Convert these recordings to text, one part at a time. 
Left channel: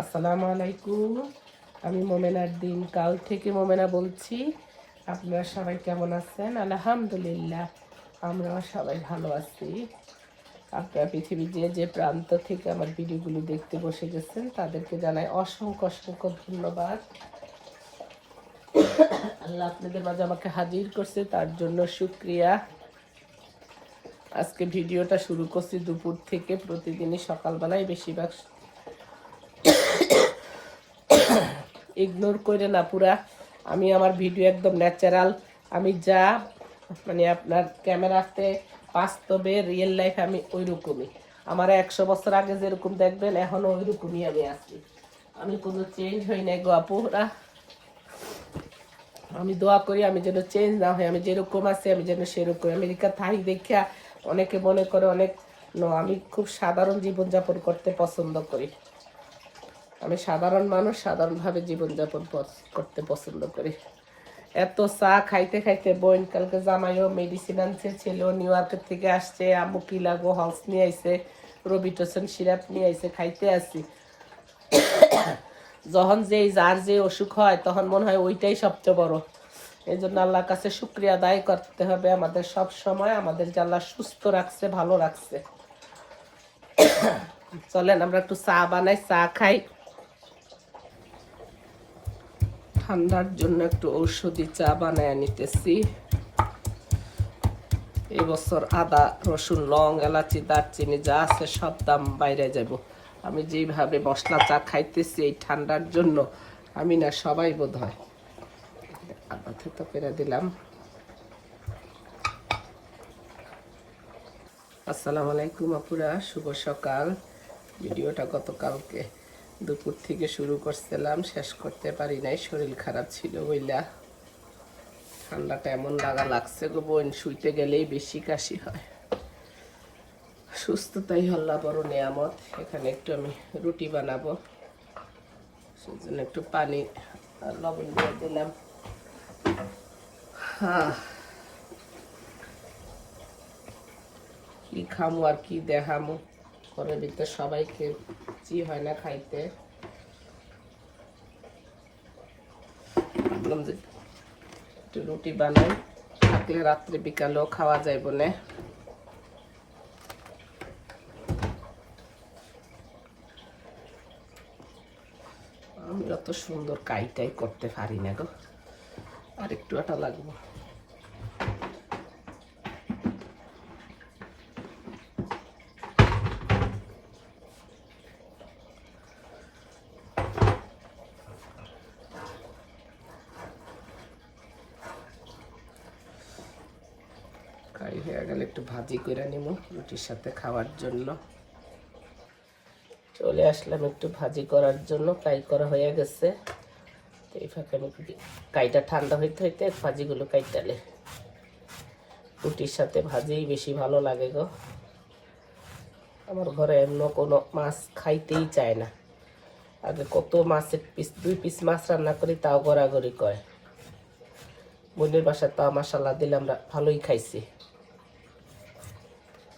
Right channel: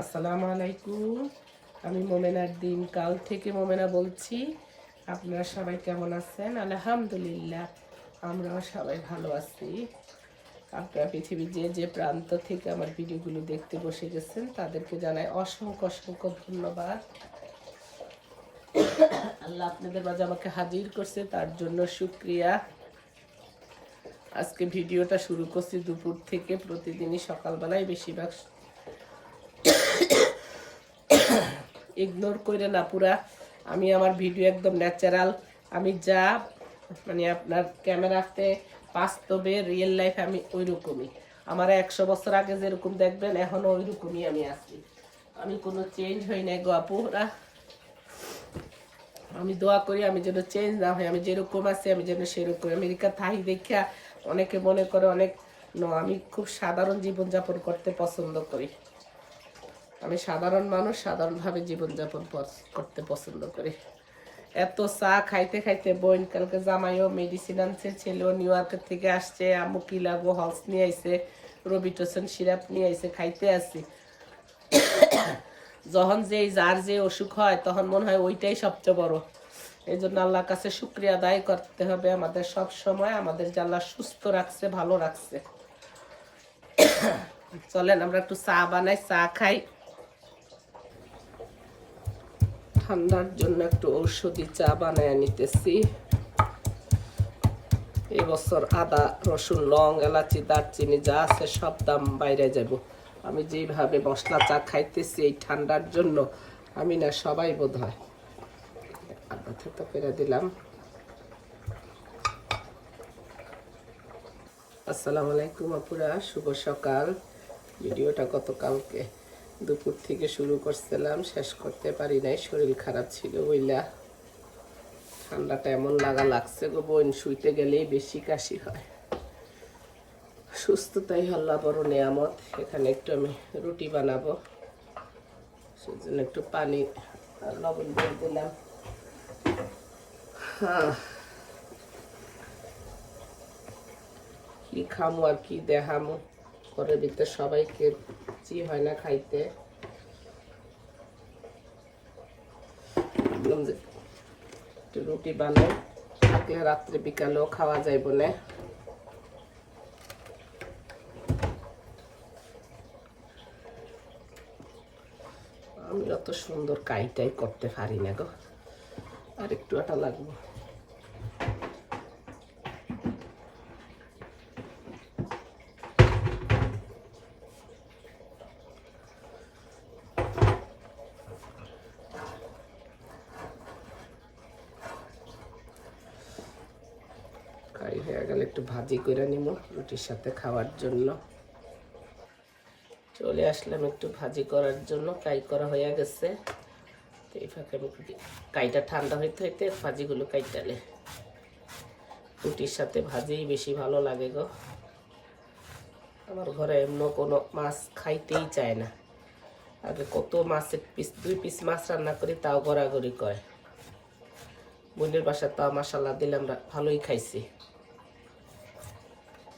আসসালামু আলাইকুম। আমি মোমেনার দিন, কাল থেকে মোমেনা বলছি। আপনারা সবাই কেমন আছেন? আলহামদুলিল্লাহ আমরা সবাই ভালো আছি। আপনারা পৃথিবীর যে যে প্রান্ত থেকে আমার ভিডিওগুলি দেখতে বসে গেছেন, তাদেরকে জানাই অসংখ্য অসংখ্য ধন্যবাদ। আল্লাহ আপনাদের মাঝে আমাকে হাজির করছে, তার জন্য শুক্রিয়া। আজকে ভিডিওটা শুরু করছি দুপুর থেকে, প্রতিদিনই সকালবেলায় বেশিরভাগ ইগনোর করে না পুরা আমি আমার ভিডিও একদম ন্যাচারাল আমি যা মানে আপনার ক্যামেরাতে বাস্তবে রিয়েল লাইফ আমি ওই রকমই আমার একশো বছর আগে যেরকম দেখবেন এখনও ওই রকমই আমি আছি। আমি কোনো চেঞ্জ হই নাই গো আপুরা। আমি দোয়া করি আমি যেন চেঞ্জ না হয় আমি যেরকম আছি আমি যেন সেরকম। আমেরিকা থাই দেখা অনেকে মনে করে অনেক, ন, আমি খুব সাধারণ জীবনযাপন করতে পছন্দ করি। আমি সাধারণ মানুষ সাধারণভাবে জীবনযাপন করতে পছন্দ করি। এত চা খাইতে খাইতে বোন কালকে জামাইও মেডিসিন আনছে, ছেলেও নিউ ইয়র্কের থেকে আসছে, আম্মু কি লাগো হলস নিয়ে আইছে রবিটোসন সিরাপ নিয়ে আইছে, খাইতে আসি যখন যে যার যে অসুখ হয়, তখন মনে হয় ওইটাই সবচেয়ে বড়। এই জন্য আল্লাহর কাছে শুক্রিয়া আদায় করতে হবে আমাদের সব সময়, আমাদের যে আল্লাহ সুস্থ রাখছে, ভালো রাখছে। চলেন, আমরা একটু চা বানাই, চা খাই। ঠান্ডার জন্য একটু ঔষধি চা বানায় নিতেছি। এবছর আদা, রসুন, লং, এলাচি, দারচিনি যা আছে সব দাম বাইরে যাব। আমি যেভাবে মশলা চা খাইতেছি এই ঠান্ডার জন্য, আমি না সবাই বোধ হয় করে দিলাম। আসসালামু আলাইকুম আপুরা, শুভ সকাল। ভিডিওটা গতকালকে দুপুর থেকে শুরু করছিলাম, শেষ করতে পারি নাই, শরীর খারাপ ছিল বইলা। ঠান্ডাটা এমন লাগা লাগছে গো বোন, শুইতে গেলেই বেশি কাশি হয়। সুস্থতাই হল্লা বড় নিয়ামত, এখানে একটু আমি রুটি বানাবো। সেজন্য একটু পানি লবণ দিয়ে দিলাম। হ্যাঁ। কি খামো আর কি দেখামো? ঘরের ভিতরে সবাইকে চি হয় না খাইতে। একটু রুটি বানাই, থাকলে রাত্রে বিকালেও খাওয়া যাইব না। আমি যত সুন্দর কাইটাই করতে পারি না গো, আর একটু আটা লাগবে কারি হয়ে গেলে, একটু ভাজি করে নিব রুটির সাথে খাওয়ার জন্য। চলে আসলাম একটু ভাজি করার জন্য, ফ্রাই করা হয়ে গেছে। তো এই ফাঁকে আমি কাইটা ঠান্ডা হইতে হইতে ভাজিগুলো কাইটালে। রুটির সাথে ভাজিই বেশি ভালো লাগে গো। আমার ঘরে এমন কোনো মাছ খাইতেই চায় না। আগে কত মাছের পিস, দুই পিস মাছ রান্না করি, তাও গড়াগড়ি কয় বোনের বাসা তাও মশালা দিলে আমরা ভালোই খাইছি।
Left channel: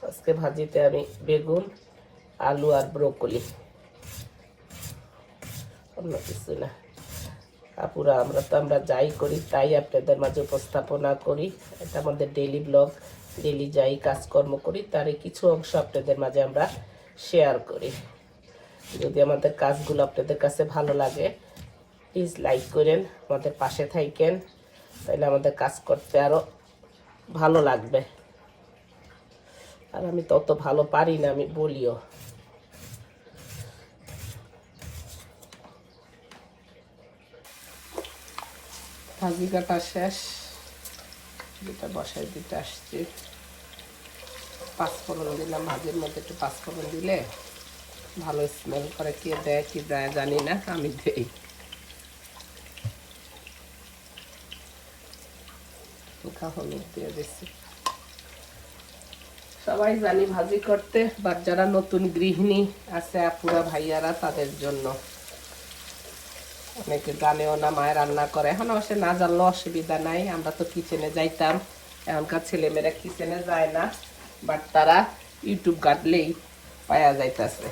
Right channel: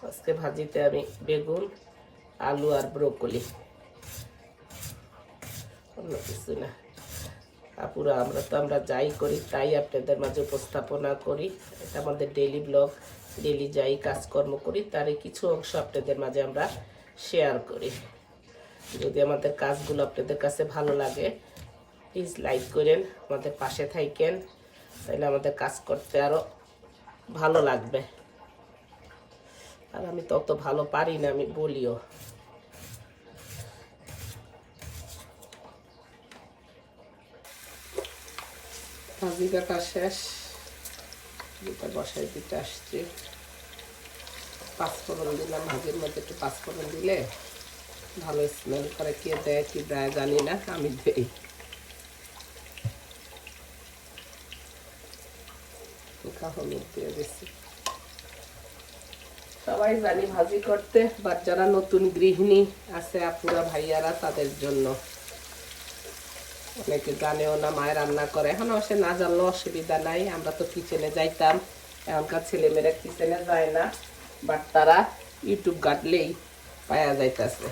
আজকে ভাজিতে আমি বেগুন, আলু আর ব্রোকলি। অন্য কিছু না। আপুরা, আমরা তো, আমরা যাই করি, তাই আপনাদের মাঝে উপস্থাপনা করি। এটা আমাদের ডেইলি ব্লগ ডেইলি যাই কাজকর্ম করি তার কিছু অংশ আপনাদের মাঝে আমরা শেয়ার করি। যদি আমাদের কাজগুলো আপনাদের কাছে ভালো লাগে প্লিজ লাইক করেন, আমাদের পাশে থাকেন তাহলে আমাদের কাজ করতে আরও ভালো লাগবে। আর আমি তত ভালো পারি না, আমি বলিও। শেষ। দিতে আসছি। মধ্যে একটু ভালো স্মেল করে কে দেয়, কি দেয় জানি না, আমি দেই। হলুদ সবাই জানি ভাজি করতে বাট যারা নতুন গৃহিণী আছে, আপুরা, ভাইয়ারা, তাদের জন্য। অনেকে জানেও না, মায়ের রান্না করে। এখন অবশ্য না জানলে অসুবিধা নাই, আমরা তো কিচেনে যাইতাম। এখনকার ছেলেমেয়েরা কিচেনে যায় না বাট তারা ইউটিউব কাটলেই পাওয়া যাইতেছে।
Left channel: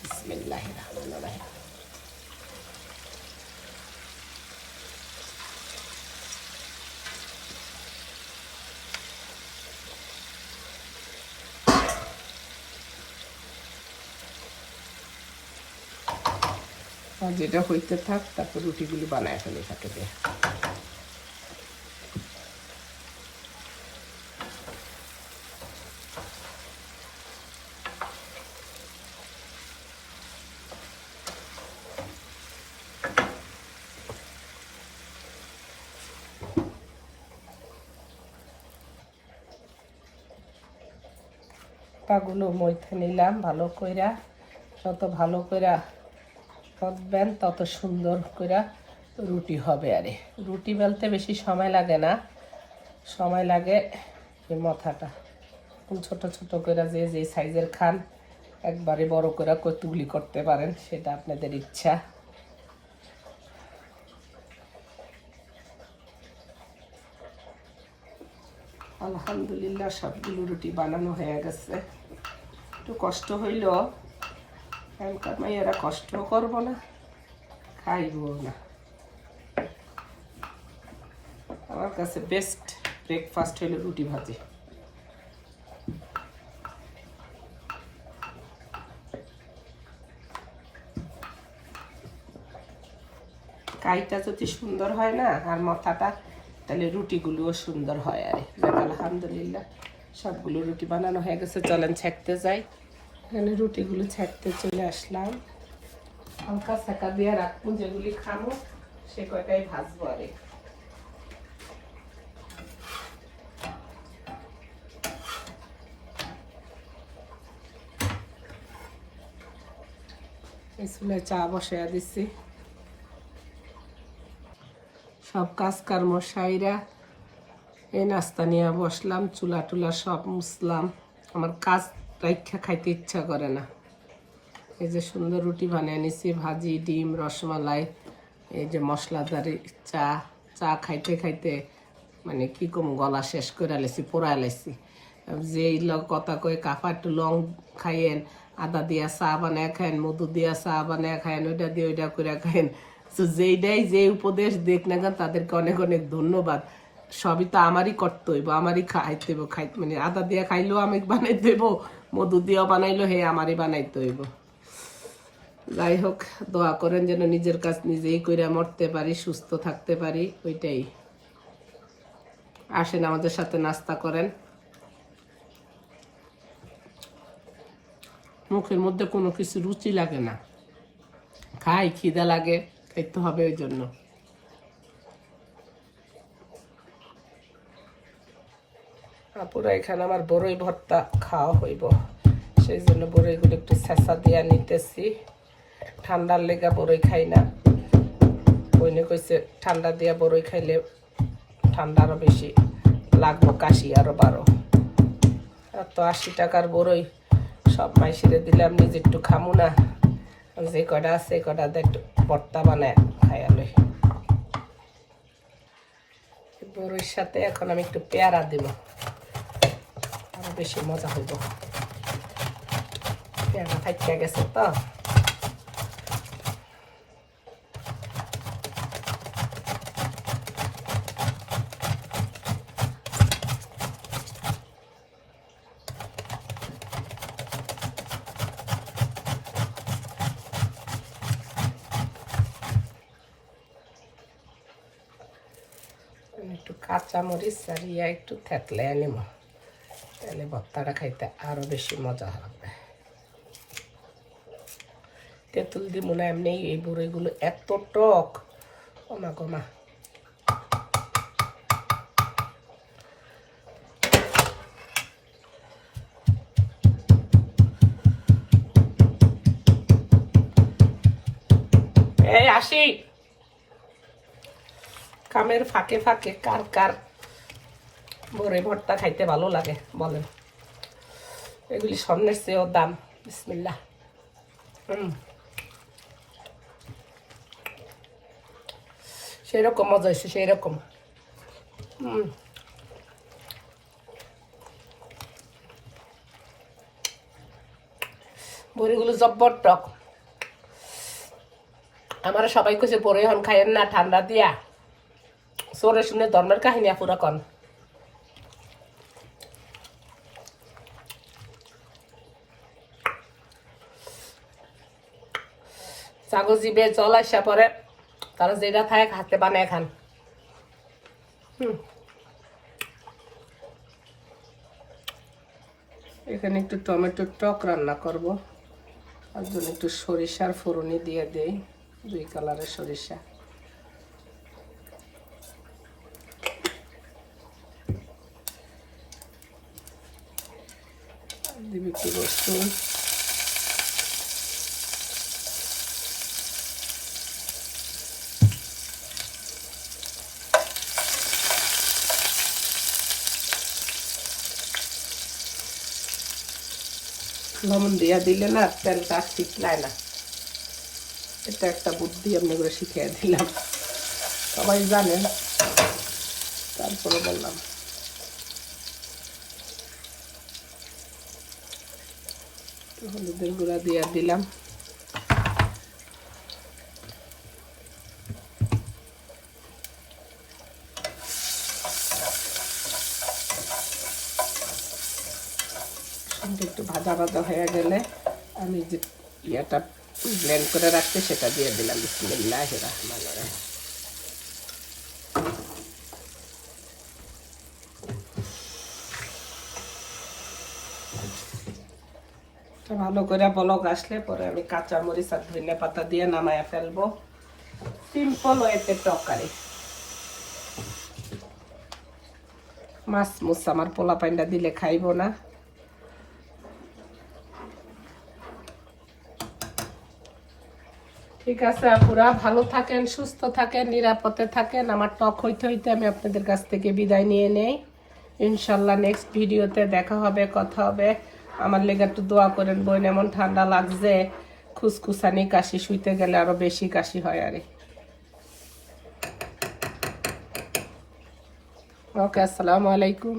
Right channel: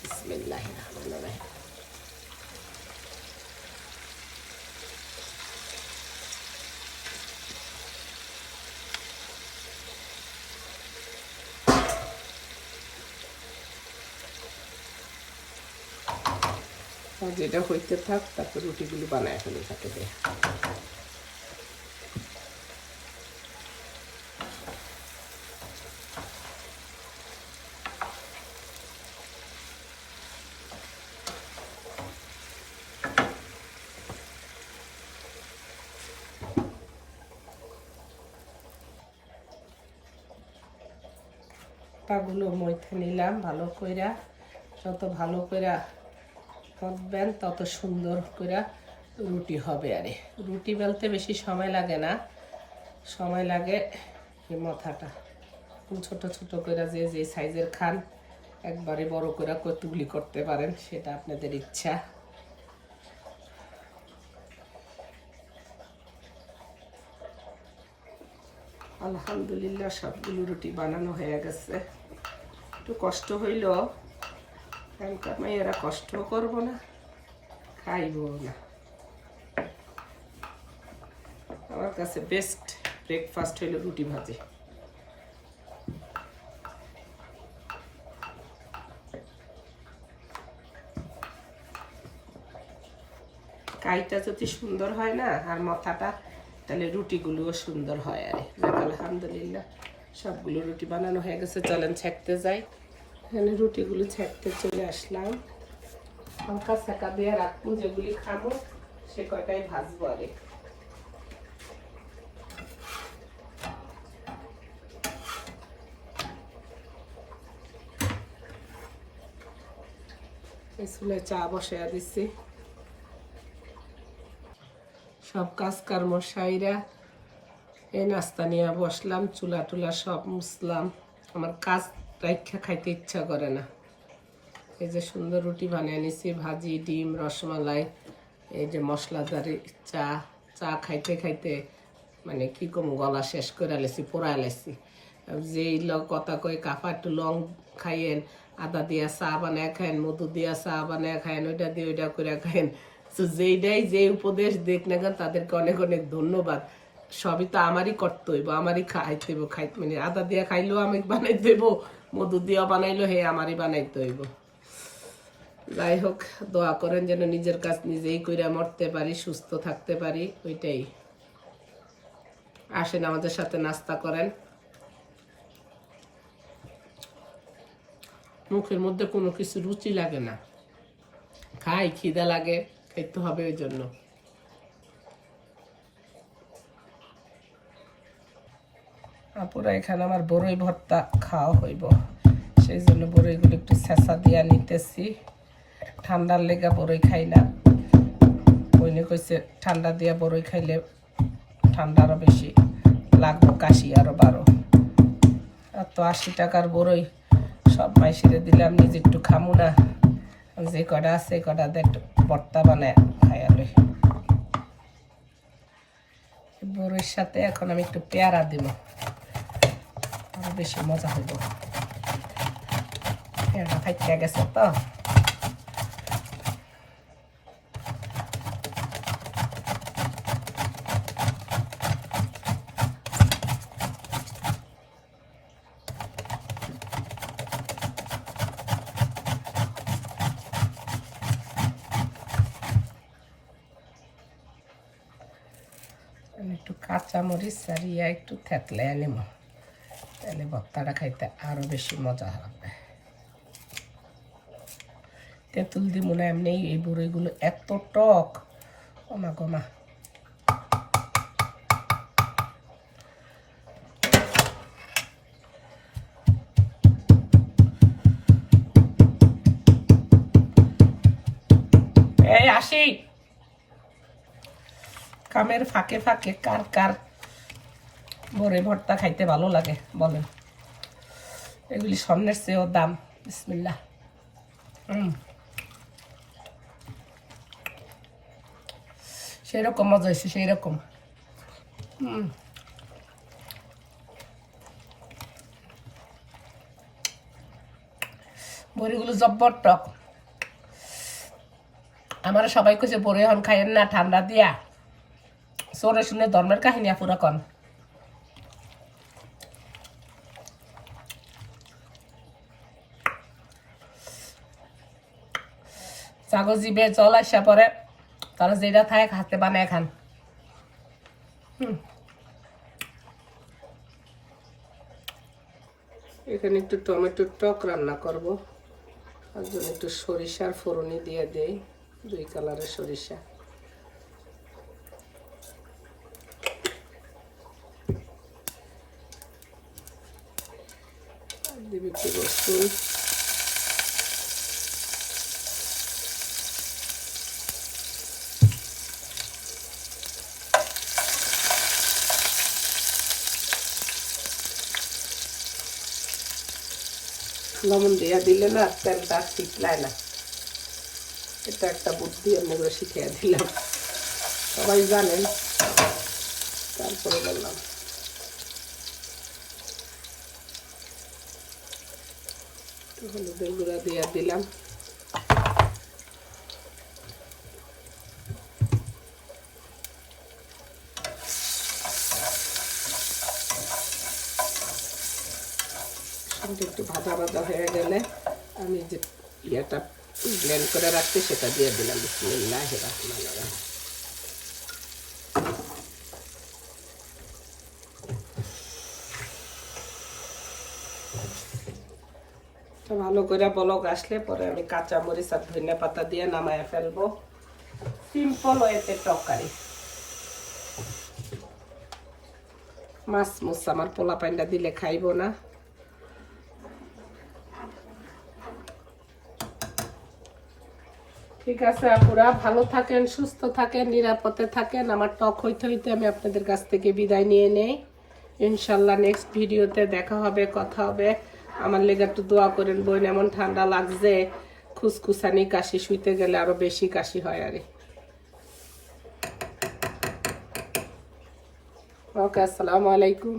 বিসমিল্লাহির রহমানির রহিম। যেটা হইতে থাক, তারপর রুটিগুলি বানায় ফেলে থাকে পাগুলো মইথে নিলাম ভালো কইরা। যত ভালো কইরা করবেন তত সুন্দর করে রুটি হবে আরে। রুটি বেলতে বেশি সময় লাগে না। সময় লাগে মাথাটা। ছোট ছোট কইরা যে যে সাইজের খান, একবারে বড় করে কতগুলি করতে পারেন, সেটা আপনাদের ইচ্ছা। আলহামদুলিল্লাহ সবগুলো রুটি বানানো হয়ে গেছে। একটু কষ্ট হইল। এখনকার কষ্ট করব না, খাইব না। আমার কাছে বেস্ট ব্রেকফাস্ট রুটি ভাজি। কাইটা যদি সুন্দর হয় না, আর মাথাটা, তাহলে রুটিগুলোও সুন্দর হয় আর। আলহামদুলিল্লাহ, সবগুলো রুটি বানানো হয়ে গেছে, চলেন ছেঁকতে যাই। এখানে রুটিগুলো ছাড়তে চলে আসলাম। হালকা ছাকা দিয়ে রাখব, যেগুলি খাব, সে কয়টাই ভাজবো আরে স্কুলে চা বসে দিচ্ছি। সব কাজ কর্ম সাইরা এই নাস্তা নিয়ে বসলাম, চুলা টুলা সব মুছলাম। আমার কাজ রাখা খাইতে ইচ্ছা করে না। এই যে সুন্দর রুটি বানিয়ে নিছি, ভাজি, ডিম, রসমালাই, এই যে মশলাদারি চা চা খাইতে খাইতে মানে কি কম গলা শেষ করে লেছি পোড়ায় লেছি যে কথা কই কাফা, একটু লং খাইয়েন, আদা দিয়া চা বানায় খাইন মধু দিয়া চা বানায় খাইন ওইটা দিয়ে ওইটা করে খাইন তো যেইটাই যে উপদেশ দেখ না কেন, তাদেরকে অনেক অনেক ধন্যবাদ। সবই তো আমারই করতে হইব আমারই খাইতে হইব, খাই মানে আদা দিয়া খাইলেও আমি বানাইতে হইব মধু দিয়া বানাইলো, হে আমারই বানাইতে হইব। যাই হোক দোয়া করেন যেন নিজের কাজ নিজেই করে মরতে পারি, সুস্থ থাকতে পারি, ওইটাই। আসেন আমাদের সাথে নাস্তা করেন। মুখের মধ্যে কোনো কিছু রুচি লাগে না। খাই, খিদা লাগে খেতে হবে ওই জন্য। পুরো এখানে আমার বড়ই ভর্তা খাওয়া হইব। সেই জন্য বড়ইগুলো একটু ছেঁচা দিয়া নিতেছি। ঠান্ডার লেগা বড়ই খাই না। বইনে কইছে ঠান্ডা দিয়া বড়ই খাইলে ঠান্ডা আরও বেশি লাগবো, কাশি আরও বারো আর তো আশি টাকার বড়ই সব মাইসিরে দিলাম, নিজে একটু খামু না। যে কটা আছে কটা দিয়ে একটু ভর্তা বানায় খাইয়ালে বড়ির সাথে এখন আমি একটু পেয়ারা দিব। বেশি মজা হইব। খাইতে গেছে তো। একটু কাঁচা মরিচ সারিয়া একটু থেতলে নিব। তাহলে ভর্তাটা খাইতে আরও বেশি মজা হবে। তেঁতুল দিব না এমনি এই বড়িগুলো এত টক। কমা কমা এই আসি। কামের ফাঁকে ফাঁকে কার কার বড়ে ভর্তা খাইতে ভালো লাগে, বলেন। এগুলি স্বর্ণের চেয়েও দাম বিসমিল্লা হুম সেই রকম মজা হয়েছে সেই রকম বড়িগুলো জব্বর টক। আমার সবাই কইছে পরে এখন খাইয়েন না, ঠান্ডা দিয়া। সরে শুনে ধর্মের কাহিনী আপুরা কন। ছাগল জিবে, জল আসা পরে তারা যেটা থাকে হাতে বানায় খান। হুম। এখানে একটু টমেটোর টক রান্না করব। আর জন্য একটু সরিষার ফোড়নে দিয়ে দেই, দুই কালারের সরিষা। দিব একটু রসুন। লবণ দিয়া দিলে না তেল কাজ শিখলায় না। এটা একটা বুদ্ধি আপনাকে শিখিয়ে দিলাম। সবাই জানেন। তারপরে বললাম। হলুদের গুঁড়া দিয়ে দিলাম। সবজি একটু ভাজা ভাজা হয়ে গেলে আমি যে ইয়েটা ব্লেন্ড করে রাখতে সেটা দিয়ে দিলাম। বিসমিল্লাহ ভালো করে বলক আসলে, পরে আমি কাঁচা মরিচ আর ধনে পাতা দিয়ে নামায় ফেলব। সিম্পল হয়েছে তরকারি। মাছ মুছ আমার পোলা পাইন্ডা দিলে খাইবো না। ঠিক আছে আপুরা, ভালো থাকেন, সুস্থ থাকেন, নিরাপদে থাকেন। আমার টক হইতে হইতে আমি আপনাদের কাছ থেকে বিদায় নিয়ে নেই। ইনশাল্লাহ নেক্সট ভিডিওতে দেখা হবে, কথা হবে। আমার লেগে একটু দোয়া করেন, বোন, এমন ঠান্ডা লাগছে, খুসখুসানি, কাশি শুইতে গেলে আরও বেশি কাশি হয়, আরে। ওকে, আসসালামু আলাইকুম।